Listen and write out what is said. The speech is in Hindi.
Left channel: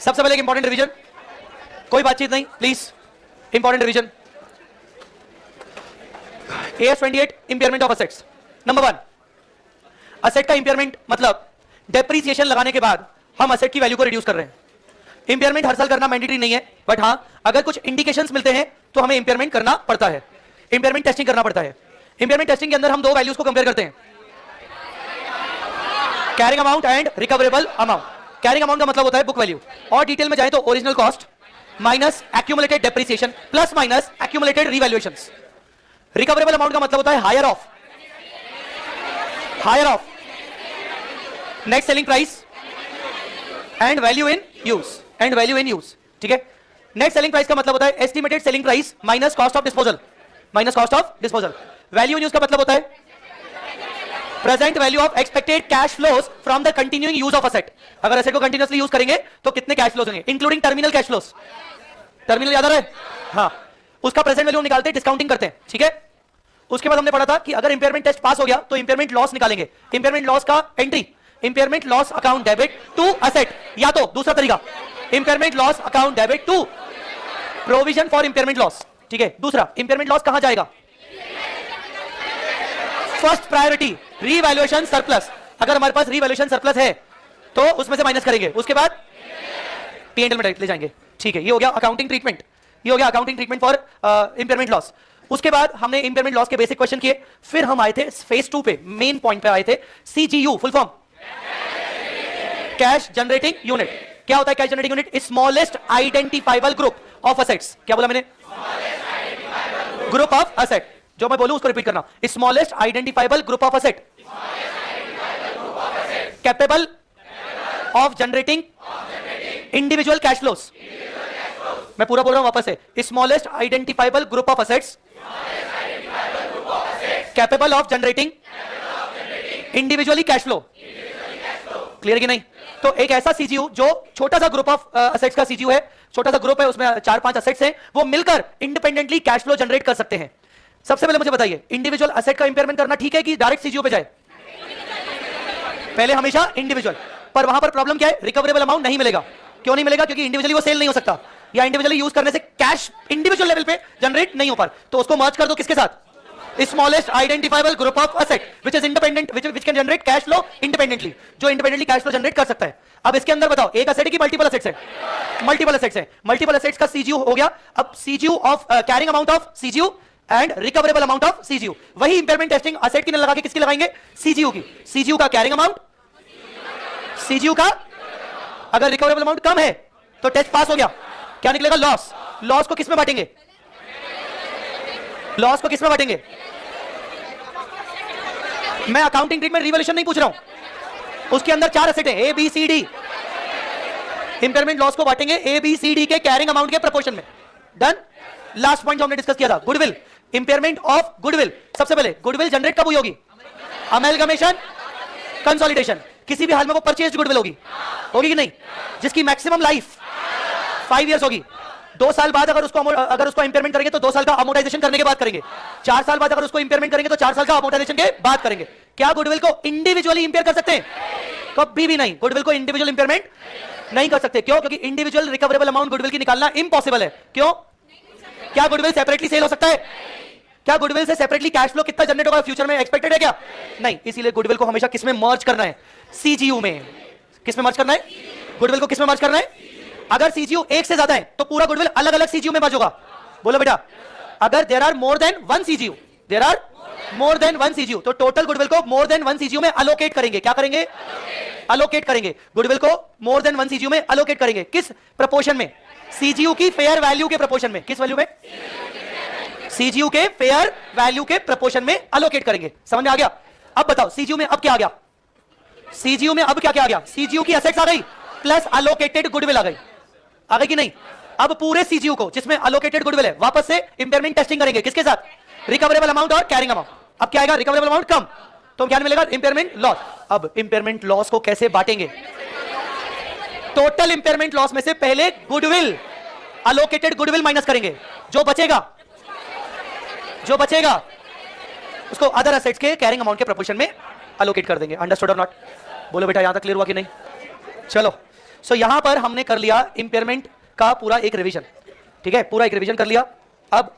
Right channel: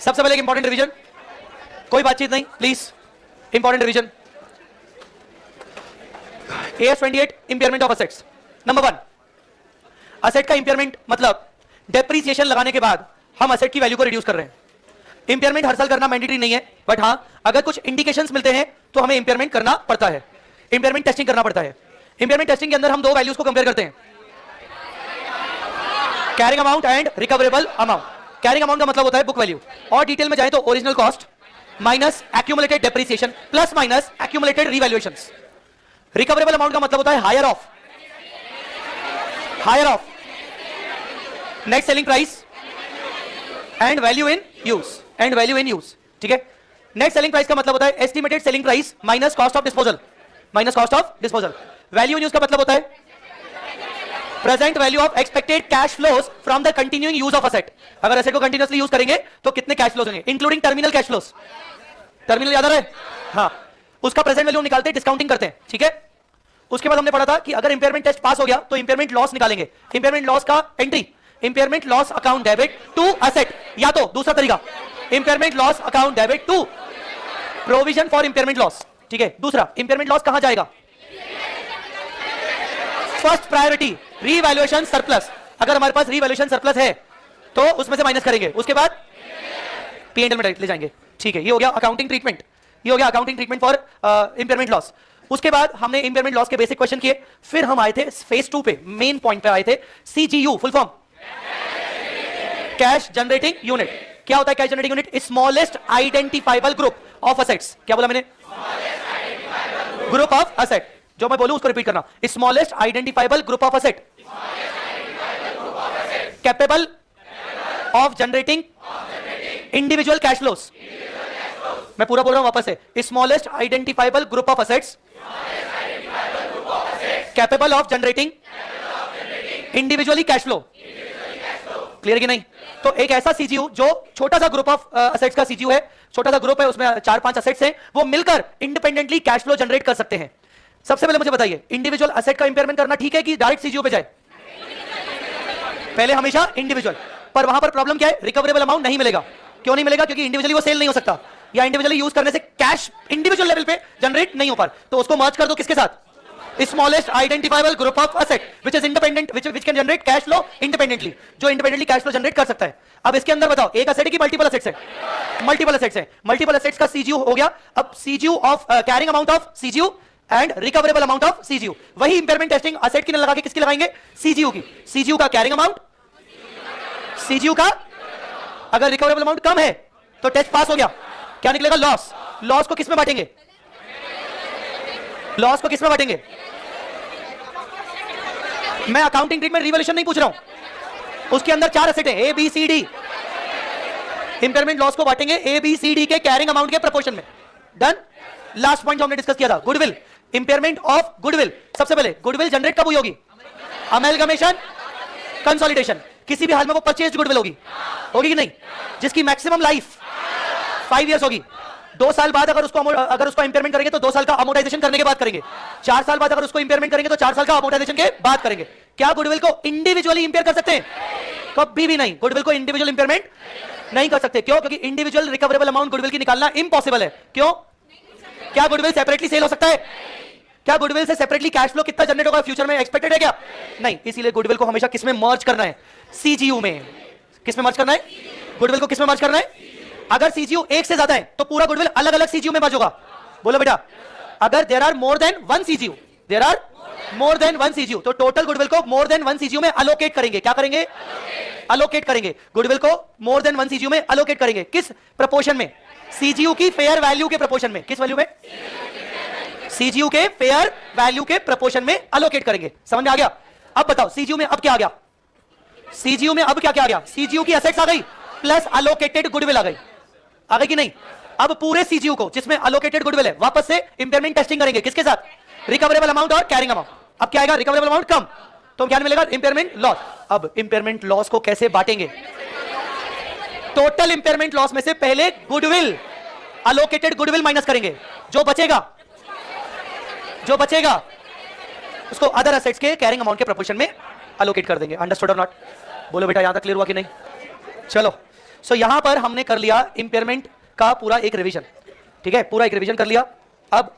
सबसे पहले एक इंपॉर्टेंट रिवीजन, कोई बातचीत नहीं please, important revision. AS28 impairment of assets. Number 1, asset का इंपेयरमेंट मतलब डेप्रिसिएशन लगाने के बाद हम असेट की वैल्यू को रिड्यूस कर रहे हैं। इंपेयरमेंट हर साल करना मैंडेटरी नहीं है, बट हाँ अगर कुछ इंडिकेशंस मिलते हैं तो हमें इंपेयरमेंट करना पड़ता है, इंपेयरमेंट टेस्टिंग करना पड़ता है। इंपेयरमेंट टेस्टिंग के अंदर हम दो वैल्यूज को कंपेयर करते हैं, carrying amount and recoverable amount. Carrying amount का मतलब होता है बुक वैल्यू, और डिटेल में जाए तो original cost minus accumulated depreciation plus minus accumulated revaluations. Recoverable amount का मतलब होता है higher of net selling price and value in use. ठीक है, नेट सेलिंग प्राइस का मतलब होता है estimated selling price minus cost of disposal. Value in use का मतलब होता है present value of expected cash flows from the continuing use of asset. अगर असेट को कंटिन्यूअसली यूज करेंगे तो कितने कैश फ्लोज होंगे, including terminal cash flows. Terminal याद आ रहा है? हाँ, उसका प्रेजेंट वैल्यू निकालते हैं, डिस्काउंटिंग करते हैं। ठीक है, उसके बाद हमने पढ़ा था कि अगर इंपेयरमेंट टेस्ट पास हो गया तो इंपेयरमेंट लॉस निकालेंगे। इंपेयरमेंट लॉस का entry impairment loss account debit to asset, या तो दूसरा तरीका impairment loss account debit to provision for impairment loss. ठीक है, दूसरा इंपेयरमेंट लॉस कहां जाएगा? First priority revaluation surplus. अगर हमारे पास रीवैल्यूएशन सरप्लस है तो उसमें से माइनस करेंगे, उसके बाद P&L में ले जाएंगे। ठीक है, ये हो गया अकाउंटिंग ट्रीटमेंट, ये हो गया accounting treatment for impairment loss. उसके बाद हमने इंपेयरमेंट लॉस के बेसिक क्वेश्चन किए, फिर हम आए थे फेज 2 पे, मेन पॉइंट पे आए थे, CGU full form cash generating unit. क्या होता है cash generating unit? Smallest identifiable group of assets. क्या बोला मैंने? Group of asset. जो मैं बोलूं उसको रिपीट करना, smallest identifiable group of asset capable of generating individual cash flows. मैं पूरा बोल रहा हूं वापस से, smallest identifiable group of assets capable of generating individually cash flow. Clear कि नहीं? तो एक ऐसा सीजीओ जो छोटा सा ग्रुप ऑफ असेट्स का सीजीओ है, छोटा सा ग्रुप है, उसमें 4-5 असेट्स हैं, वो मिलकर इंडिपेंडेंटली कैश फ्लो जनरेट कर सकते हैं। सबसे पहले मुझे बताइए, इंडिविजुअल असेट का इंपेयरमेंट करना ठीक है कि डायरेक्ट सीजीओ पे जाए? पहले हमेशा इंडिविजुअल, पर वहां पर प्रॉब्लम क्या है? रिकवरेबल अमाउंट नहीं मिलेगा। क्यों नहीं मिलेगा? क्योंकि इंडिविजुअली वो सेल नहीं हो सकता, या इंडिविजुअली यूज करने से कैश इंडिविजुअल लेवल पे जनरेट नहीं हो पाता। तो उसको मर्ज कर दो किसके साथ? Smallest identifiable group of asset which is independent, which can generate cash flow independently, जो इंडिपेंडेंटली कैश फ्लो जनरेट कर सकता है। अब इसके अंदर बताओ, एक असेट है कि मल्टीपल असेट्स हैं? मल्टीपल असेट्स हैं। मल्टीपल असेट्स का सीजीओ हो गया। अब CGO of carrying amount of CGO and recoverable amount of CGO. वही इंपेयरमेंट टेस्टिंग असेट की लगा के किसकी लगाएंगे? सीजीओ की। सीजीओ का कैरिंग अमाउंट, सीजीओ का अगर रिकवरेबल अमाउंट कम है तो टेस्ट पास हो गया, क्या निकलेगा? लॉस। लॉस को किसमें बांटेंगे? लॉस को किसमें बांटेंगे? मैं अकाउंटिंग ट्रीटमेंट रिवैल्यूएशन नहीं पूछ रहा हूं, उसके अंदर 4 असेट है, A B C D. Impairment loss को बांटेंगे ए बी सी डी के कैरिंग अमाउंट के प्रोपोर्शन में। डन। लास्ट पॉइंट जो हमने डिस्कस किया था, गुडविल, इंपेयरमेंट ऑफ गुडविल। सबसे पहले गुडविल जनरेट कब हुई होगी? Amalgamation, consolidation. किसी भी हाल में वो परचेज गुडविल होगी कि नहीं? जिसकी मैक्सिमम लाइफ 5 इयर्स होगी। 2 साल बाद अगर उसको इंपेयरमेंट करेंगे तो 2 साल का अमोर्टाइजेशन करने के बाद करेंगे। 4 साल बाद अगर उसको इंपेयरमेंट करेंगे तो 4 साल का अमोर्टाइजेशन के बाद करेंगे। क्या गुडविल को इंडिविजुअली इंपेयर कर सकते हैं? कभी भी नहीं। गुडविल को इंडिविजुअल इंपेयरमेंट नहीं कर सकते। क्यों? क्योंकि इंडिविजुअल रिकवरेबल अमाउंट गुडविल की निकालना इम्पॉसिबल है। क्यों? क्या गुडविल सेपरेटली सेल हो सकता है? क्या गुडविल से सेपरेटली कैश फ्लो कितना जनरेट होगा फ्यूचर में एक्सपेक्टेड है क्या? नहीं। इसीलिए गुडविल को हमेशा किसमें मर्ज करना है? सीजीयू में। किसमें मर्ज करना है? गुडविल को किसमें मर्ज करना है? अगर सीजीयू एक से ज्यादा है तो पूरा गुडविल अलग अलग सीजीयू में मर्ज होगा। बोलो बेटा, अगर there are more than 1 CGU, there are more than 1 CGU, तो टोटल गुडविल को मोर देन 1 सीजीयू में अलोकेट करेंगे। क्या करेंगे? अलोकेट करेंगे। गुडविल को मोर देन 1 सीजीयू में अलोकेट करेंगे। किस प्रोपोर्शन में? सीजीयू की फेयर वैल्यू के प्रोपोर्शन में। किस वैल्यू में? सीजीयू के फेयर वैल्यू के प्रोपोर्शन में अलोकेट करेंगे। समझ में आ गया? अब बताओ सीजीयू में अब क्या आ गया? सीजीयू में अब क्या क्या आ गया? सीजीयू की असेट्स आ गई प्लस अलोकेटेड गुडविल आ गई। आ गई कि नहीं? अब पूरे सीजीयू को जिसमें अलोकेटेड गुडविल है वापस से इंपेयरमेंट टेस्टिंग करेंगे। किसके साथ? रिकवरेबल अमाउंट और कैरिंग अमाउंट। अब क्या आएगा? रिकवरेबल अमाउंट कम, तो क्या मिलेगा? Impairment loss. अब इंपेयरमेंट लॉस को कैसे बांटेंगे? टोटल इंपेयरमेंट लॉस में से पहले गुडविल, अलोकेटेड गुडविल माइनस करेंगे। जो बचेगा उसको अदर असेट्स के कैरिंग अमाउंट के प्रोपोर्शन में अलोकेट कर देंगे। अंडरस्टूड और नॉट? बोलो बेटा, यहां तक क्लियर हुआ कि नहीं? चलो सो यहां पर हमने कर लिया इंपेयरमेंट का पूरा एक रिवीजन, ठीक है, पूरा एक रिवीजन कर लिया। अब